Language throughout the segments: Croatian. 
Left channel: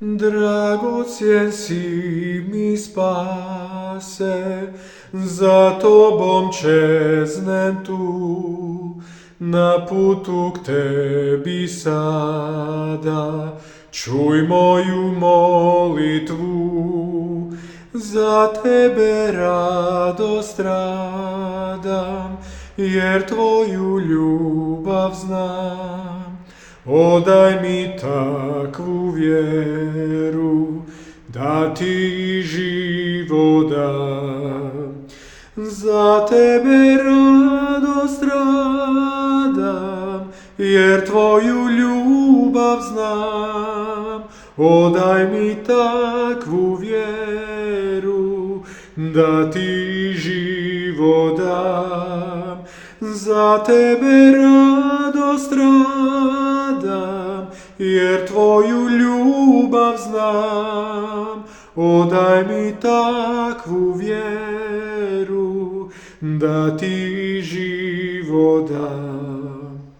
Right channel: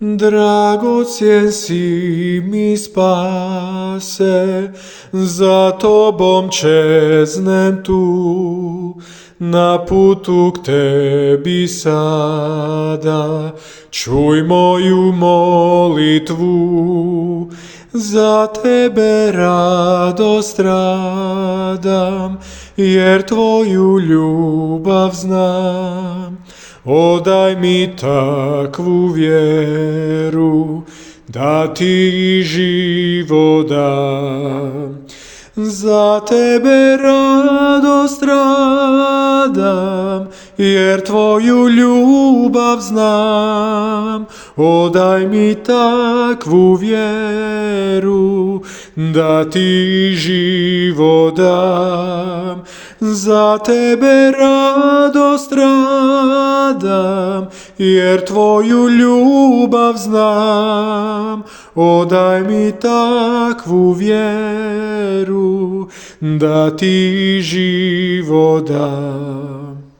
Dragocjen si mi spase, za tobom čeznem tu, na putu k tebi sada, čuj moju molitvu, za tebe radost radam, jer tvoju ljubav znam. Odaj mi takvu vjeru, da ti život dam. Za tebe radost radam, jer tvoju ljubav znam. Odaj mi takvu vjeru, da ti život dam. Za tebe radost radam, jer tvoju ljubav znam. Odaj mi takvu vjeru, da ti život dam.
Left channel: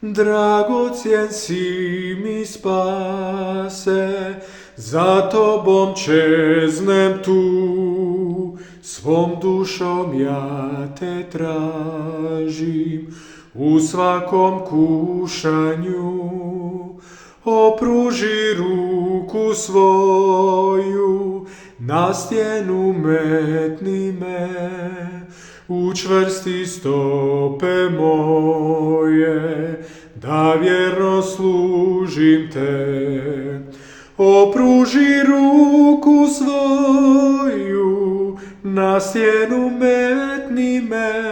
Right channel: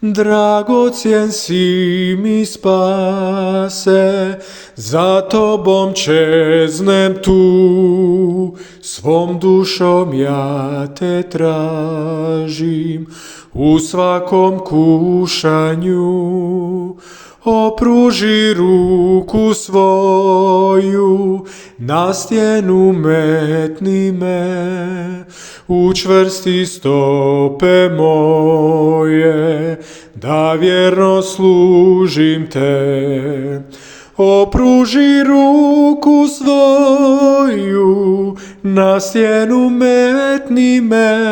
Dragocjen si mi spase, za tobom čeznem tu, svom dušom ja te tražim, u svakom kušanju. Opruži ruku svoju, na stjenu metni me, učvrsti stope moje, da vjerno služim te. Opruži ruku svoju, na stjenu metni me,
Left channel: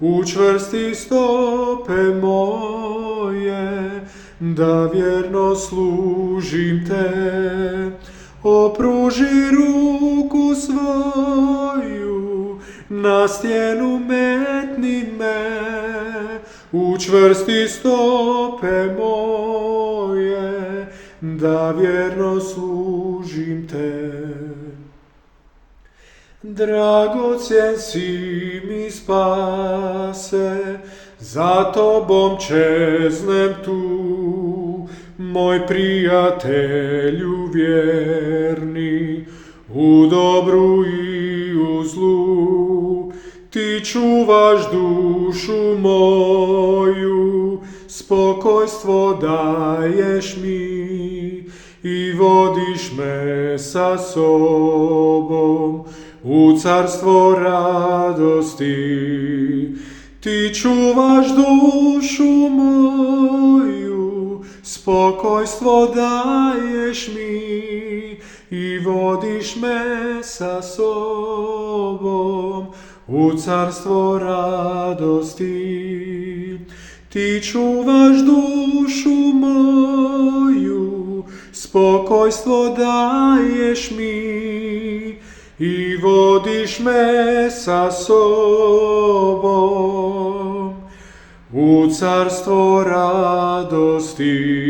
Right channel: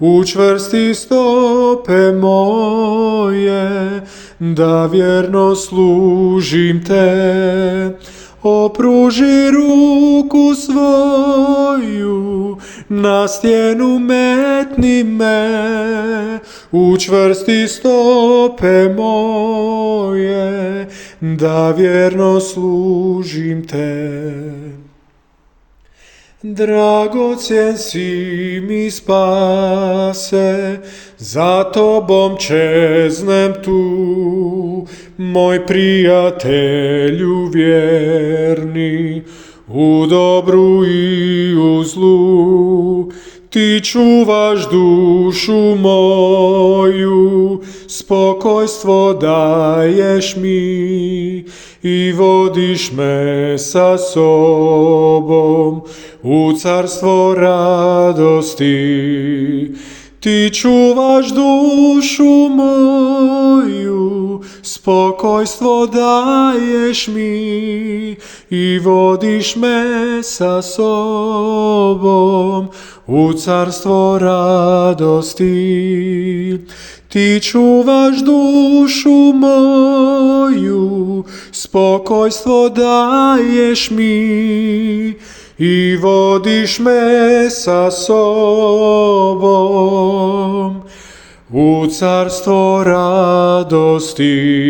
učvrsti stope moje, da vjerno služim te. Opruži ruku svoju, na stjenu metni me, učvrsti stope moje, da vjerno služim te. Dragocjen si mi spase, za tobom čeznem tu, moj prijatelju vjerni, u dobru i u zlu. Ti čuvaš dušu moju, spokojstvo daješ mi i vodiš me sa sobom u carstvo radosti. Ti čuvaš dušu moju, spokojstvo daješ mi i vodiš me sa sobom u carstvo radosti. Ti čuvaš dušu moju, spokojstvo daješ mi i vodiš me sa sobom u carstvo radosti.